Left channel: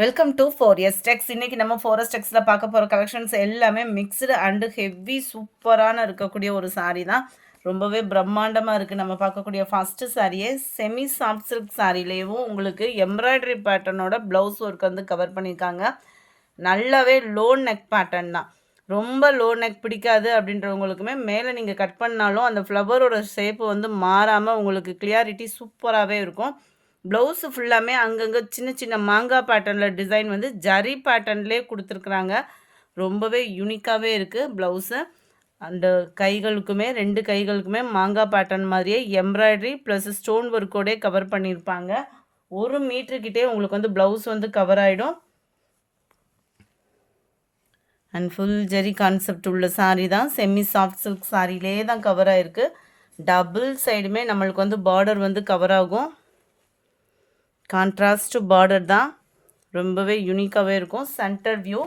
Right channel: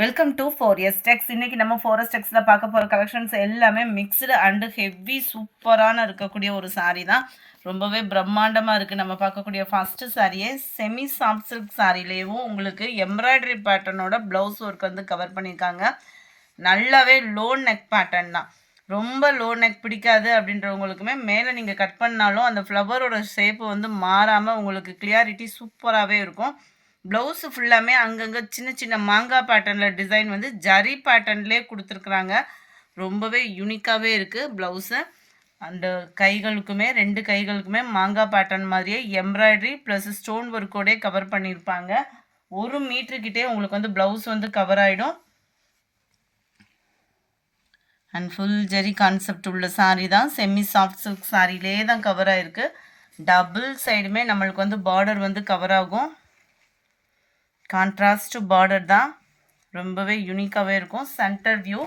Welcome to ஃபோரியஸ் டெக்ஸ். இன்னைக்கு நம்ம four s டெக்ஸில் பார்க்க போகிற கலெக்ஷன்ஸ் எல்லாமே மிக்ஸ்டு அண்டு ஹெவி சூப்பரான இருக்கக்கூடிய ஒரு சாரீ தான். ரொம்பவே பிரம்மாண்டமாக இருக்குது. நம்ம பார்க்கக்கூடிய ஃபஸ்ட்டு சாரியே செமி சாஃப்ட் சில்க் சாரிலேயும் உங்களுக்கு எம்ப்ராய்டரி பேட்டர்னோட ப்ளவுஸ் ஒர்க் வந்து கவர் பண்ணியிருக்காங்க. நல்லாவே லோ நெக் பேட்டர்ன் தான். ரொம்ப லோ நெக் பிடிக்காது அப்படின்றவங்களுக்குமே மேலே நீங்கள் கட் பண்ணாலும் அந்த ஃப்ளவரோட ஷேப்பு வந்து மாறாமல் உங்களுக்கு கிளியாரிட்டி சூப்பராகவே இருக்கும். ப்ளவுஸு ஃபுல்லாமே அங்கங்கே சின்ன சின்ன மாங்காய் பேட்டர்னில் டிசைன் வந்து ஜரி பேட்டர்ன்லேயே கொடுத்துருக்குறாங்க. ரொம்பவே யூனிக்காகவே இருக்குது ப்ளவுஸு. அந்த கைகளுக்குமே 2 கைகளுக்குமே மாங்காய் பேட்டர்ன் மாதிரியே எம்ப்ராய்டரி ப்ளஸ் ஸ்டோன் ஒர்க்கோடே கவர் பண்ணியிருப்பாங்க. 1 மீட்டருக்கிட்டே உங்களுக்கு வந்து ப்ளவுஸ் வந்து கவர் ஆகிடும். அண்ட் ஃபுல் ஜெரி கான்செப்ட் உள்ள சாரீ தான். செமி சாஃப்ட் சில்க் சாரிலே தான் கவர் ஆகிருக்கு. டபுள் சைடுமே நம்மளுக்கு வந்து பார்டர் வந்து கவர் ஆகும். கான்ட்ராஸ்ட் பார்டர் தான். ரொம்பவே யூனிக்காகவே இருக்கும். சென்டர் வியூ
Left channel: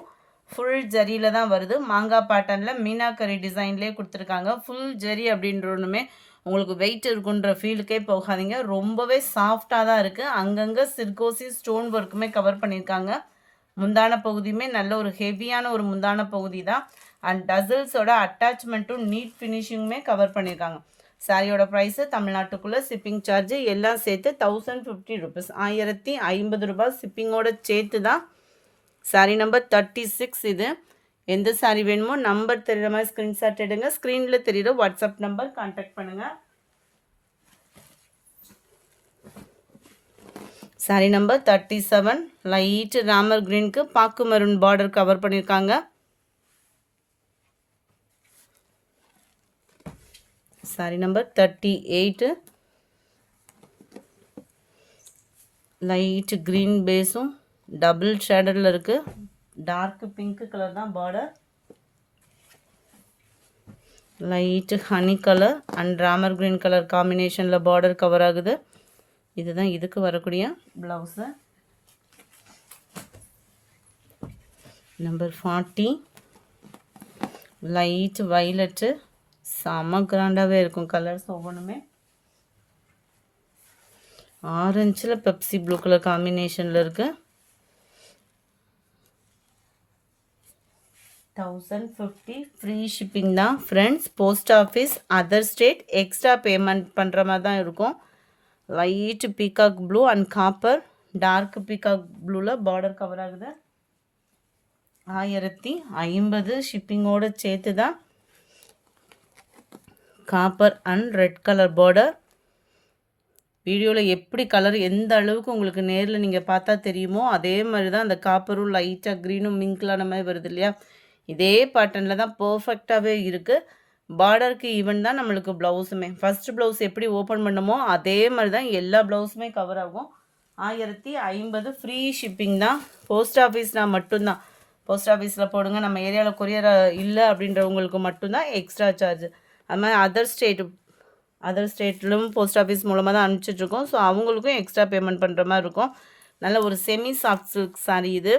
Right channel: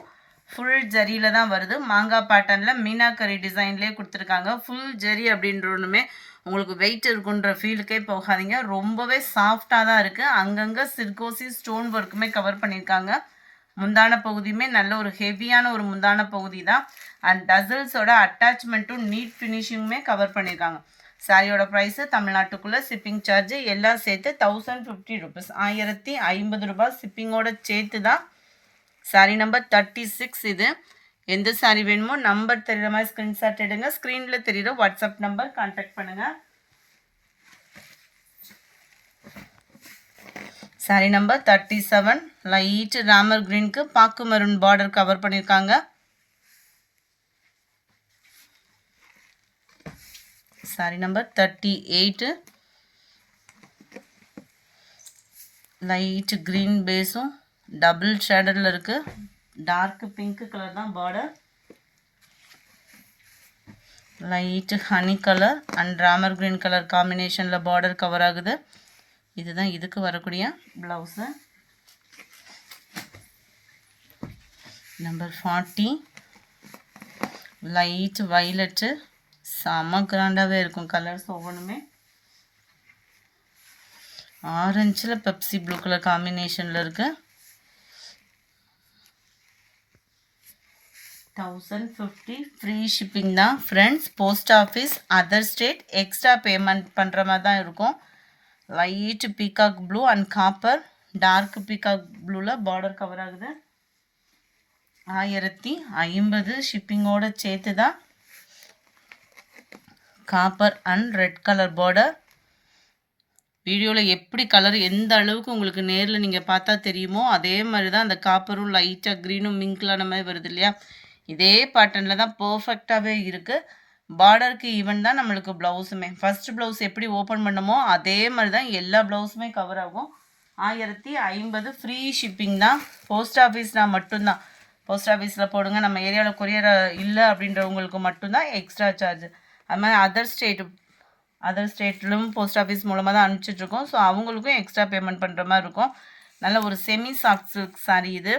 ஃபுல் ஜரியில் தான் வருது. மாங்காய் பேட்டர்னில் மீனாக்கரி டிசைன்லேயே கொடுத்துருக்காங்க. ஃபுல் ஜரி அப்படின்றொன்னுமே உங்களுக்கு வெயிட் இருக்குன்ற ஃபீலுக்கே போகாதீங்க. ரொம்பவே சாஃப்டாக தான் இருக்குது. அங்கங்கே சிர்கோசி ஸ்டோன் ஒர்க்குமே கவர் பண்ணியிருக்காங்க. முந்தான பகுதியுமே நல்ல ஒரு ஹெவியான ஒரு முந்தான பகுதி தான். அண்ட் டசல்ஸோட அட்டாச்மெண்ட்டும் நீட் ஃபினிஷிங்குமே கவர் பண்ணியிருக்காங்க. சாரியோட ப்ரைஸு தமிழ்நாட்டுக்குள்ளே ஷிப்பிங் சார்ஜு எல்லாம் சேர்த்து 1050 ருபீஸ், 1050 ரூபாய் ஷிப்பிங்கோட சேர்த்து தான். சாரி நம்பர் 36 இது. எந்த சாரி வேணுமோ நம்பர் தெரிகிற மாதிரி ஸ்க்ரீன்ஷாட் எடுங்க. ஸ்க்ரீனில் தெரிகிற வாட்ஸ்அப் நம்பர் கான்டாக்ட் பண்ணுங்கள். சாரி நம்பர் 37 லைட் ராமர் கிரீனுக்கு பாக்கு மெரூன் பார்டர் கவர் பண்ணியிருக்காங்க. சாரி நம்பர் 38 லைட் க்ரீன் பேஸும் டபுள் ஷேடரில் இருக்குது. டார்க் பிங்க் கலர் தான் border. Light honey colour and Ramar green colour காம்பினேஷனில் பார்டர் கவர் ஆகுது. இதுதான் இதுக்கு வரக்கூடிய ப்ளவுஸு. நம்பர் 40 லைட் வைலட்டு செம்ம கிராண்டாகவே இருக்கும். கலர்ஸ் ஒவ்வொன்றுமே ஆரஞ்சில் பெப்சி ப்ளூ கலர் காம்பினேஷனில் இருக்குது. 1050 ஃப்ரீ ஷிப்பிங் தான் friends. Post office other state extra payment பண்ணுற மாதிரி தான் இருக்கும். Light peacock blue and copper dark peacock ப்ளூவில் பார்டர் கவர் ஆகுது. 1050 ஷிப்பிங்கோடு சேர்த்து தான். Copper and red colour border. வீடியோவில் எப்படி கலர் எந்த அளவுக்கு உங்களுக்கு நேரில் நீங்கள் பார்த்தா தெரியுமோ அதே மாதிரி தான் அந்த காப்பரும் லைட்டாக க்ரீனும் மிங்க்லான மாதிரி வருது இல்லையா, இதே பேட்டர்னில் தான் பர்ஃபெக்டாகவே இருக்குது. பார்டருக்கு ஈவன் தான் நம்மளுக்கு ப்ளவுஸுமே. ஃபஸ்ட்டு ப்ளவுஸ் எப்படி ஓப்பன் பண்ணமோ அதே மாதிரி தான் எல்லா ப்ளவுஸுமே கவர் ஆகும். 1050 ஃப்ரீ ஷிப்பிங் தான். போஸ்ட் ஆஃபீஸ்னால் மட்டும்தான். போஸ்ட் ஆஃபீஸில் போடுங்க, நம்ம ஏரியாவில் கொரியர் இல்லை அப்படின்றவங்களுக்கு மட்டும்தான் எக்ஸ்ட்ரா சார்ஜ். அது மாதிரி அதர் ஸ்டேட்லும் போஸ்ட் ஆஃபீஸ் மூலமாக தான் அனுப்பிச்சிட்ருக்கோம். ஸோ அவங்களுக்கும் எக்ஸ்ட்ரா பேமெண்ட் பண்ணுற மாதிரி இருக்கும். நல்ல ஒரு செமி சாஃப்ட் சில்க் சாரீ இது.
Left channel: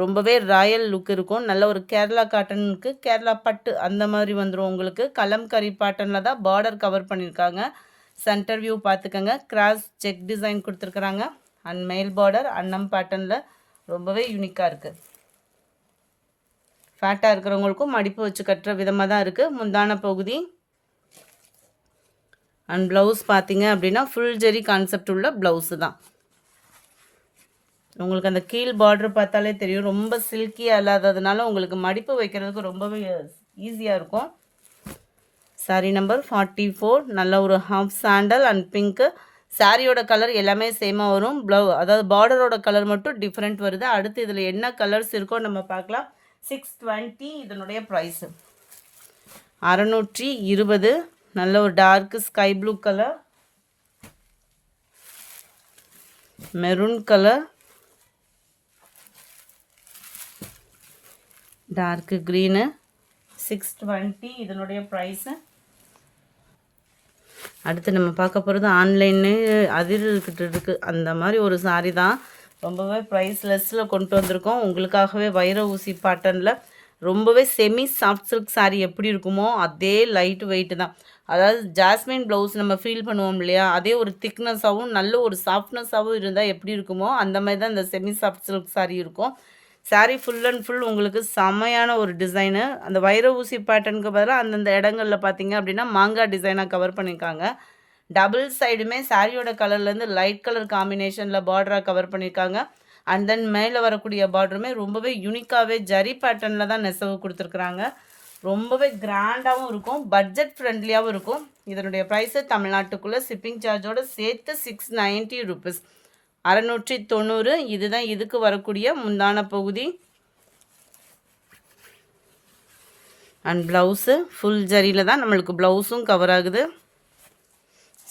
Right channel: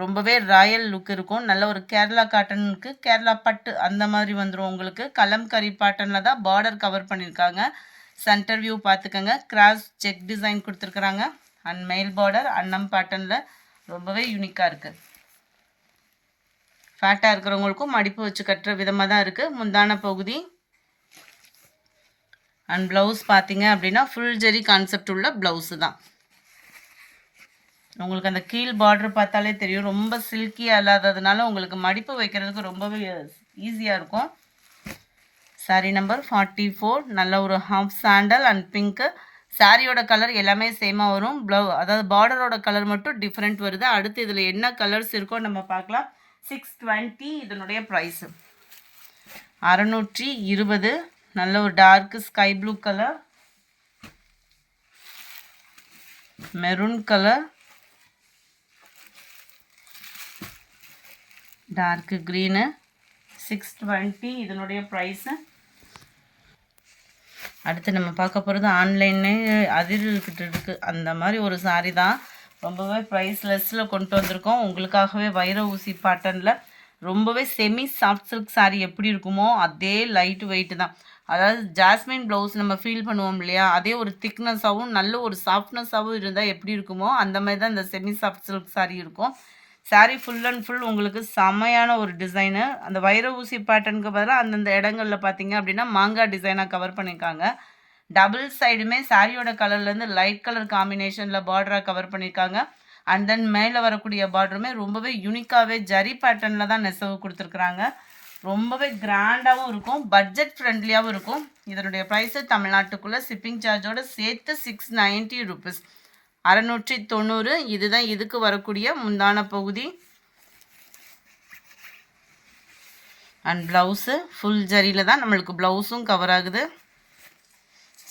ரொம்பவே ராயல் லுக் இருக்கும். நல்ல ஒரு கேரளா காட்டனுக்கு கேரளா பட்டு அந்த மாதிரி வந்துடும் உங்களுக்கு. கலம்கரி பேட்டர்னில் தான் பார்டர் கவர் பண்ணியிருக்காங்க. சென்டர் வியூ பார்த்துக்கோங்க. கிராஸ் செக் டிசைன் கொடுத்துருக்குறாங்க. அண்ட் மெயில் பார்டர் அன்னம் பேட்டர்னில் ரொம்பவே யூனிக்காக இருக்குது. ஃபேட்டாக இருக்கிறவங்களுக்கும் மடிப்பு வச்சு கட்டுற விதமாக தான் இருக்குது. முந்தான பகுதி அண்ட் ப்ளவுஸ் பார்த்தீங்க அப்படின்னா ஃபுல் ஜெரி கான்செப்ட் உள்ள ப்ளவுஸு தான். உங்களுக்கு அந்த கீழ் பார்டர் பார்த்தாலே தெரியும். ரொம்ப சில்கியாக இல்லாததுனால உங்களுக்கு மடிப்பு வைக்கிறதுக்கு ரொம்பவே ஈஸியாக இருக்கும். சாரி நம்பர் 44 நல்ல ஒரு ஹாஃப் சாண்டல் அண்ட் பிங்க்கு. சாரியோட கலர் எல்லாமே சேமாக வரும். அதாவது பார்டரோட கலர் மட்டும் டிஃப்ரெண்ட் வருது. அடுத்து இதில் என்ன கலர்ஸ் இருக்கோ நம்ம பார்க்கலாம். 620 இதனுடைய ப்ரைஸு. 620 நல்ல ஒரு dark sky blue colour, maroon colour, dark green. 620 இதனுடைய ப்ரைஸு. அடுத்து நம்ம பார்க்க போகிறது ஆன்லைனே அதிர்கிட்டு இருக்குது அந்த மாதிரி ஒரு சாரீ தான். ரொம்பவே ப்ரைஸ்லெஸ்ஸில் கொண்டு வந்திருக்கோம் உங்களுக்காகவே. வைர ஊசி பேட்டர்னில் ரொம்பவே செமி சாஃப்ட் சில்க் சாரீ எப்படி இருக்குமோ அதே லைட் வெயிட்டு தான். அதாவது ஜாஸ்மின் ப்ளவுஸ் நம்ம ஃபீல் பண்ணுவோம் இல்லையா, அதே ஒரு திக்னஸாகவும் நல்ல ஒரு சாஃப்ட்னஸாகவும் இருந்தால் எப்படி இருக்குமோ அந்த மாதிரி தான் இந்த செமி சாஃப்ட் சில்க் சாரீ இருக்கும். சாரீ ஃபுல் அண்ட் ஃபுல் உங்களுக்கு செமையான ஒரு டிசைனு. அந்த வைர ஊசி பேட்டர்னுக்கு பதிலாக அந்தந்த இடங்களில் பார்த்தீங்க அப்படின்னா மாங்காய் டிசைனாக கவர் பண்ணியிருக்காங்க. டபுள் சைடுமே சாரியோட கலர்லேருந்து லைட் கலர் காம்பினேஷனில் பார்டராக கவர் பண்ணியிருக்காங்க. அண்ட் தென் மேலே வரக்கூடிய பார்டருமே ரொம்பவே யூனிக்காகவே ஜரி பேட்டர்னில் தான் நெசவு கொடுத்துருக்குறாங்க. ரொம்பவே கிராண்டாகவும் இருக்கும், பட்ஜெட் ஃப்ரெண்ட்லியாகவும் இருக்கும். இதனுடைய ப்ரைஸு தமிழ்நாட்டுக்குள்ளே ஷிப்பிங் சார்ஜோடு சேர்த்து 690 ருபீஸ், 690. இதுதான் இதுக்கு வரக்கூடிய முந்தான பகுதி. அண்ட் ப்ளவுஸு ஃபுல் ஜரியில் தான் நம்மளுக்கு ப்ளவுஸும் கவர் ஆகுது.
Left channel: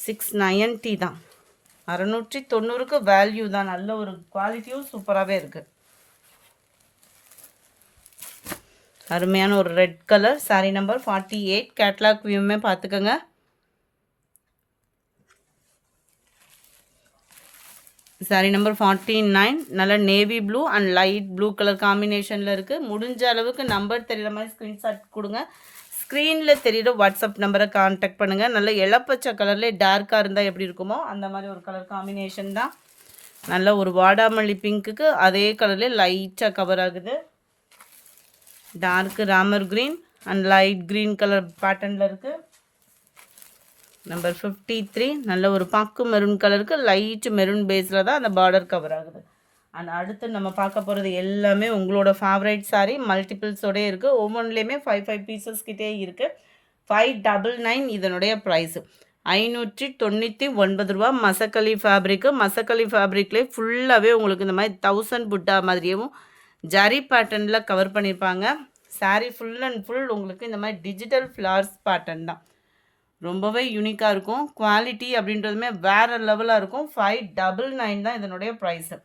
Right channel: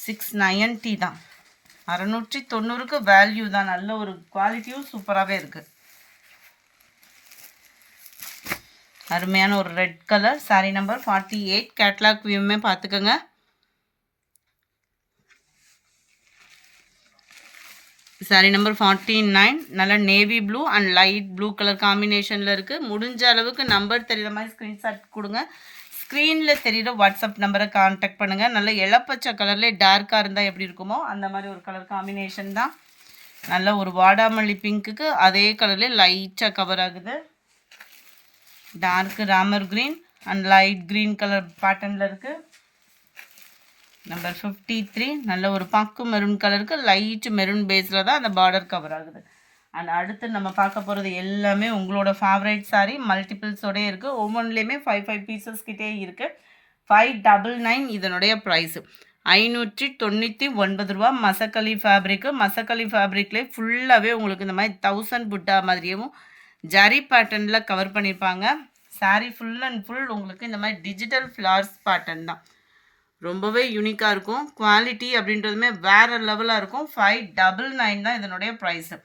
690 தான், 690க்கு வேல்யூ தான். நல்ல ஒரு குவாலிட்டியும் சூப்பராகவே இருக்குது. அருமையான ஒரு red colour sari number 48. Catalogue வியூமே பார்த்துக்கோங்க. சாரீ நம்பர் 49 நல்ல navy blue and light blue colour காம்பினேஷனில் இருக்குது. முடிஞ்ச அளவுக்கு நம்பர் தெரிகிற மாதிரி ஸ்க்ரீன்ஷாட் கொடுங்க. ஸ்க்ரீனில் தெரிகிற வாட்ஸ்அப் நம்பரை கான்டாக்ட் பண்ணுங்கள். நல்ல இளப்பச்சை கலர்லேயே டார்க்காக இருந்தால் எப்படி இருக்குமோ அந்த மாதிரி ஒரு கலர் காம்பினேஷன் தான். நல்ல ஒரு வாடாமல்லி பிங்க்குக்கு அதே கலர்லேயே லைட்டாக கவர் ஆகுது. Dark Ramar green and light green colour பேட்டர்னில் இருக்குது. நம்பர் 53 நல்ல ஒரு பாக்கு மெரூன் கலருக்கு லைட் மெரூன் பேஸில் தான் அந்த பார்டர் கவர் ஆகுது. அண்ட் அடுத்து நம்ம பார்க்க போகிறது எல்லாமே உங்களோட ஃபேவரைட் சாரீ மல்டிபிள்ஸோடே இருக்குது. ஒவ்வொன்றுலேயுமே 5 பீசஸ் கிட்டே இருக்குது. 599 இதனுடைய ப்ரைஸு 599 ரூபா. மசக்கலி ஃபேப்ரிக்கு. மசக்கலி ஃபேப்ரிக்லேயே ஃபுல்லாகவே உங்களுக்கு இந்த மாதிரி 1000 புட்டா மாதிரியும் ஜரி பேட்டர்னில் கவர் பண்ணியிருப்பாங்க. சாரீ ஃபுல் அண்ட் ஃபுல் உங்களுக்கு இந்த மாதிரி டிஜிட்டல் ஃப்ளார்ஸ் பேட்டர்ன் தான். ரொம்பவே யூனிக்காக இருக்கும். குவாலிட்டி அப்படின்றதுமே வேறு லெவலாக இருக்கும். 599 தான் இதனுடைய ப்ரைஸு.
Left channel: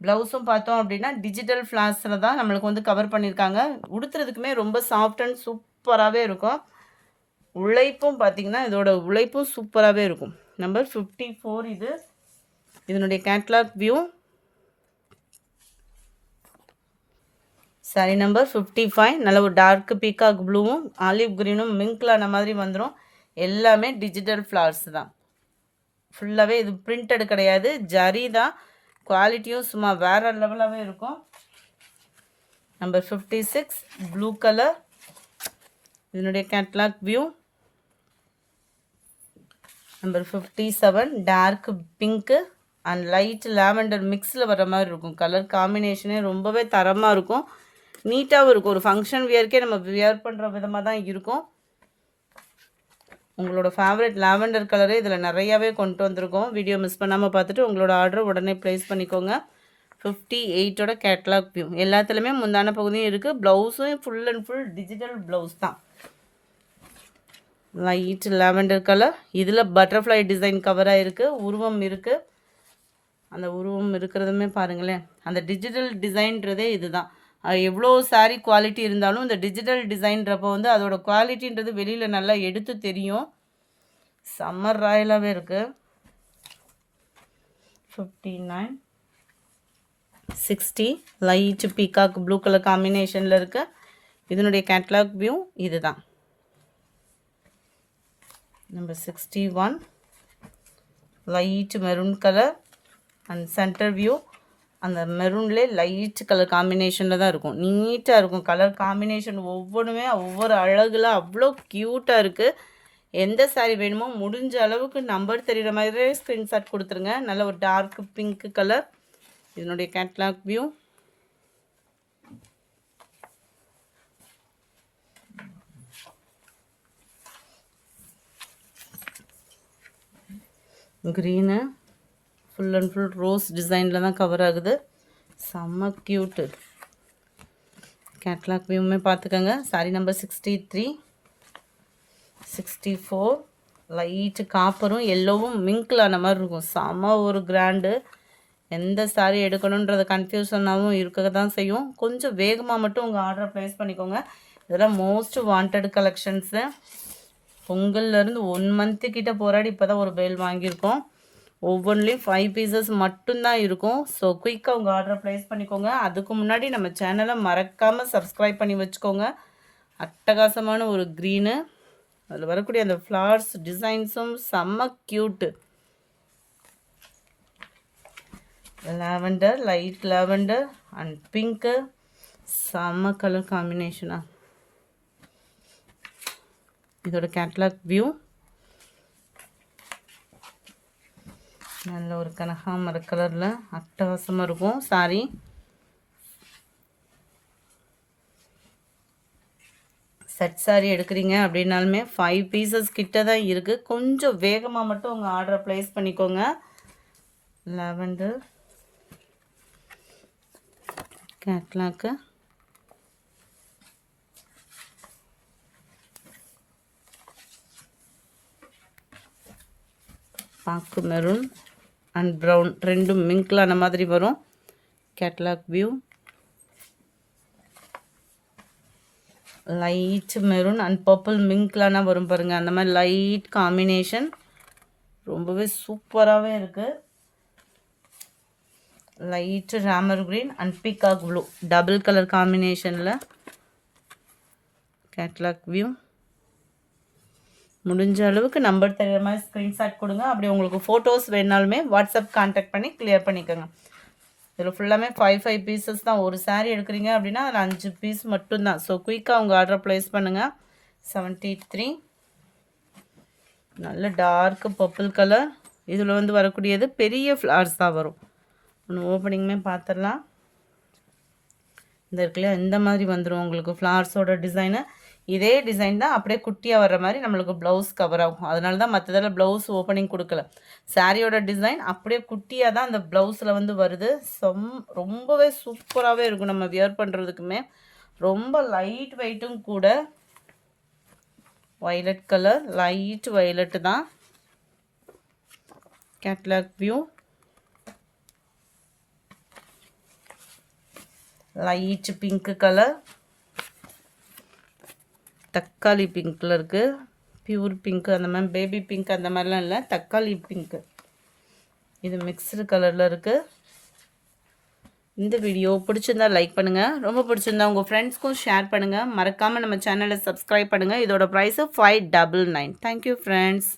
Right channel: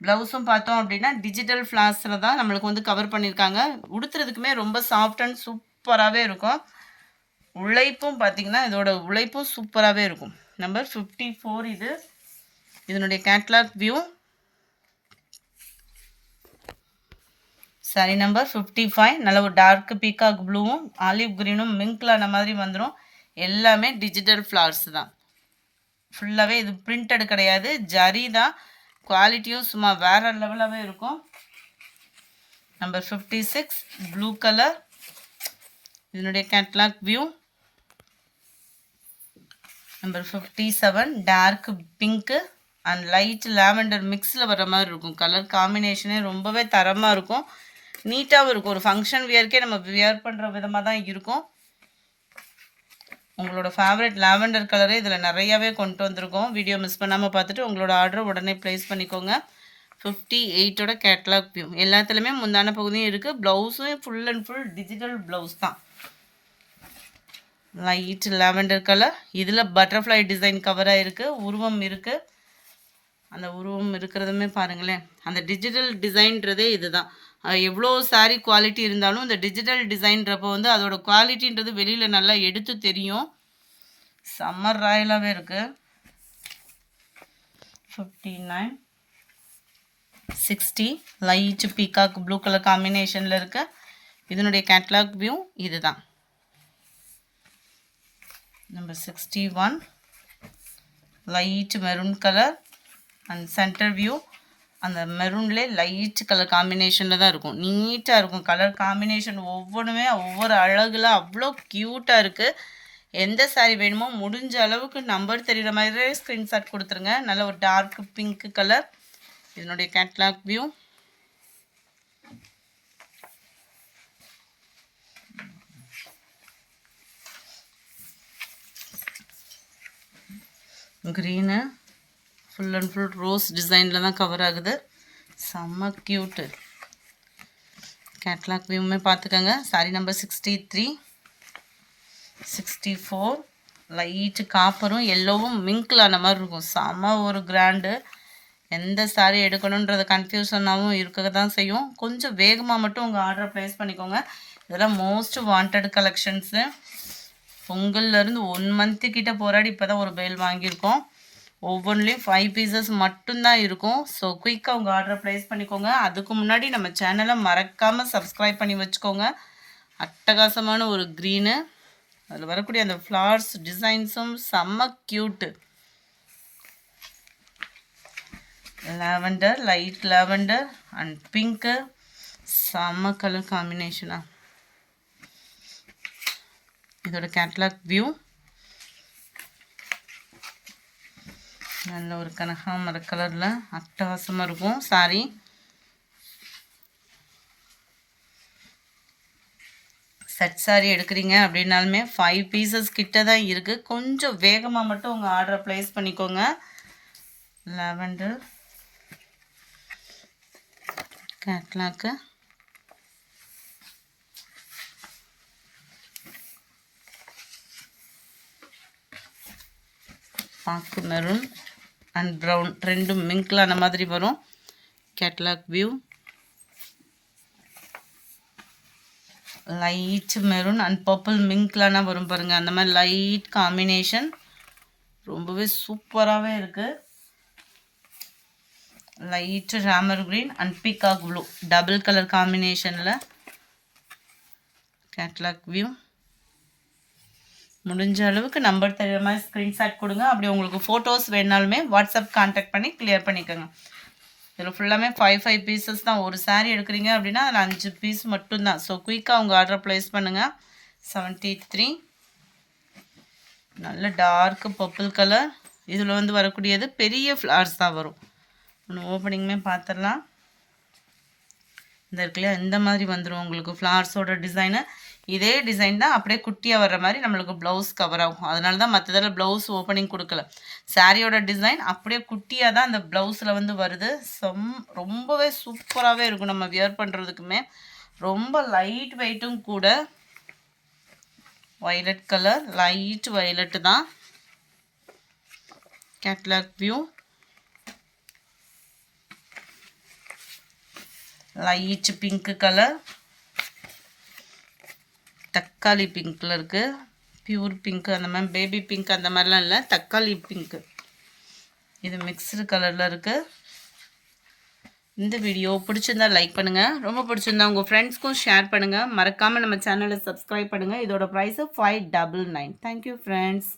ப்ளவுஸும் பார்த்தோம் அப்படின்னா டிஜிட்டல் ஃப்ளார்ஸில் தான் நம்மளுக்கு வந்து கவர் பண்ணியிருக்காங்க. உடுத்துறதுக்குமே ரொம்ப சாஃப்ட் அண்ட் சூப்பராகவே இருக்கும். உழைப்பும் பார்த்திங்கன்னா இதோட உழைப்பும் சூப்பராகவே இருக்கும். நம்பர் 54 இது. இதனுடைய கேட்லாக் வியூ. சாரீ நம்பர் 55 நல்ல ஒரு டார்க் பீகாக் ப்ளூவும் ஆலிவ் க்ரீனும் மிங்க்லான மாதிரி வந்துடும். எல்லாமே டிஜிட்டல் ஃப்ளார்ஸ் தான். ஃபுல்லாகவே இது பிரிண்டட் கிடையாது, ஜரி தான். குவாலிட்டியும் சும்மா வேறு லெவலாகவே இருக்கும். Number 56 blue colour. இதனுடைய catalogue view. Number 57 dark pink and light lavender மிக்ஸில் வர மாதிரி இருக்கும். கலர் காம்பினேஷனே ரொம்பவே தரமாக இருக்கும், நீட்டாகவும் இருக்கும். ஒரு ஃபங்க்ஷன் வியர்க்கே நம்ம வியர் பண்ணுற விதமாக தான் இருக்கும். உங்களோட ஃபேவரட் லாவெண்டர் கலரே இதில் நிறையாவே கொண்டு வந்திருக்கோம். வீடியோ மிஸ் பண்ணாமல் பார்த்துட்டு உங்களோட ஆர்டர் உடனே ப்ளேஸ் பண்ணிக்கோங்க. 58ஓட கேட்லாக் வியூ. எல்லாத்துலேயுமே முந்தான பகுதியும் இருக்குது. ப்ளவுஸும் full and full digital blouse தான். Light lavender colour. இதில் பட்டர்ஃப்ளை டிசைன் கவராக இருக்குது, உருவம் இருக்குது. அந்த உருவம் இருக்கிறதுமே பாருங்களேன், அந்த டிஜிட்டல் டிசைன்றதே இது தான். எவ்வளோ சாரீ குவாலிட்டி இருந்தாலும் இந்த டிஜிட்டல் டிசைன்றப்போ வந்து அதோட குவாலிட்டின்றது வெளியில் நல்லா எடுத்து தெரியும். சம்மர் ராயலாகவே இருக்குது. 59 60 லைட் பீகாக் ப்ளூ கலர் காம்பினேஷனில் இருக்கு. இதனுடைய கேட்லாக் வியூ இது தான். Number 61 light maroon colour and centre view. அந்த மெரூன்லேயே லைட் கலர் காம்பினேஷனில் தான் இருக்கும். நீட்டாக இருக்கும். கலர் காம்பினேஷன் ஒவ்வொன்றுமே ஒவ்வொரு அழகில் அவ்வளோ க்யூட்டாக இருக்குது. எந்த சாரீ வேணுமோ முடிஞ்ச அளவுக்கு நம்பர் தெரிகிற மாதிரியே ஸ்க்ரீன்ஷாட் கொடுத்துருங்க. நல்ல ஒரு டார்க் பிங்க் கலர். இதனுடைய catalogue view. Green full and full rose டிசைனில் தான் கவர் ஆகுது. செம்ம க்யூட்டு. கேட்லாக் வியூமே பார்த்துக்கோங்க. சாரீ நம்பர் 63 64 லைட்டு காப்பரும் எல்லோவும் மிங்க்லான மாதிரி இருக்கும். செம்ம ஒரு கிராண்டு. எந்த சாரீ எடுக்கணுன்றத கன்ஃபியூஷனாகவும் இருக்க தான் செய்யும். கொஞ்சம் வேகமாக மட்டும் உங்கள் ஆர்டரை ப்ளேஸ் பண்ணிக்கோங்க. இதெல்லாம் மோஸ்ட் வாண்டட் கலெக்ஷன்ஸு. பொங்கல்லேருந்து 1 மந்த்து கிட்ட போராடி இப்போ தான் ஒரு பேல் வாங்கியிருக்கோம். ஒவ்வொன்றுலேயும் 5 பீசஸ் மட்டும்தான் இருக்கும். ஸோ குயிக்காக உங்கள் ஆர்டரை ப்ளேஸ் பண்ணிக்கோங்க. அதுக்கு முன்னாடி நம்ம சேனலை மறக்காமல் சப்ஸ்கிரைப் பண்ணி வச்சுக்கோங்க. அட்டகாசமான ஒரு க்ரீனு அதில் வரக்கூடிய அந்த ஃப்ளவர்ஸ் டிசைன்ஸும் செம்ம cute. Lavender, light lavender and pink, செம்ம கலர் காம்பினேஷனாக. இதோட கேட்லாக் வியூ. நல்ல ஒரு கனகாமர கலரில் அட்டகாசமாக இருக்கும் சாரி. செட் சாரி எடுக்கிறீங்க அப்படின்னாலுமே 5 பீசஸ் கிட்ட தான் இருக்குது. கொஞ்சம் வேகமாக மட்டும் உங்கள் ஆர்டரை ப்ளேஸ் பண்ணிக்கோங்க. லாவெண்டர் கேட்லாக்கு, பாக்கு மெரூன் அண்ட் ப்ரௌன் ரெண்டும் மிங்க்லான மாதிரி வரும். Catalogue view. Light maroon and purple மிங்க்லான வரும் பாருங்கள். அந்த மாதிரி லைட் காம்பினேஷன் ரொம்பவே சூப்பராகவே இருக்குது. Light Ramar green and peacock blue double colour காம்பினேஷனில். Catalogue view. முடிஞ்ச அளவுக்கு நம்பர் தெரிகிற மாதிரி ஸ்க்ரீன்ஷாட் கொடுங்க. அப்படி உங்களுக்கு ஃபோட்டோஸ் வேணாலுமே வாட்ஸ்அப் கான்டாக்ட் பண்ணி கிளியர் பண்ணிக்கோங்க. இதில் ஃபுல்லாமே 5 பீசஸ் தான். ஒரு சாரீ எடுக்கிறீங்க அப்படின்னா அதில் 5 பீஸ் மட்டும்தான். ஸோ குயிக்காக உங்கள் ஆர்டரை ப்ளேஸ் பண்ணுங்கள். 73 நல்ல டார்க்கு பர்பிள் கலர். இதில் வந்து வரக்கூடியது பெரிய ஃப்ளவர்ஸ் தான் வரும். ஒன்று ஓப்பனிங்குமே பார்த்துடலாம். இந்த இருக்குல்லையா, இந்த மாதிரி வந்துடும் உங்களுக்கு ஃப்ளவர்ஸோட டிசைனு. இதே டிசைன் தான் அப்படியே குட்டியாக வர்ற மாதிரி நம்மளுக்கு ப்ளவுஸ் கவர் ஆகும். அதனால தான் மற்றதில் ப்ளவுஸ் ஓப்பனிங் கொடுக்கல. சாரியோட டிசைன் அப்படியே குட்டியாக தான் அந்த ப்ளவுஸில் வந்து வருது. ரொம்பவே சூப்பராகவே இருக்கும். நம்ம வியர் பண்ணுறதுக்குமே ரொம்ப லைட் வெயிட்டும் கூட. வயலட் கலர், லைட் வயலட்டு தான். Catalogue view. Light pink colour, தக்காளி பிங்க்கில் இருக்குது. பியூர் பிங்க்கு அந்த மாதிரி, பேபி பிங்க் அந்த மாதிரிலாம் இல்லை, தக்காளி பிங்க்கு. இது மிக்ஸ்டு கலரில் இருக்குது. இந்த வீடியோ பிடிச்சிருந்தா லைக் பண்ணுங்கள். ரொம்ப பிடிச்சிருந்தா உங்கள் ஃப்ரெண்ட்ஸ்க்கும் ஷேர் பண்ணுங்கள். மறக்காமல் நம்ம சேனலை சப்ஸ்கிரைப் பண்ணுங்கள். இதோட ப்ரைஸு 599. Thank you friends.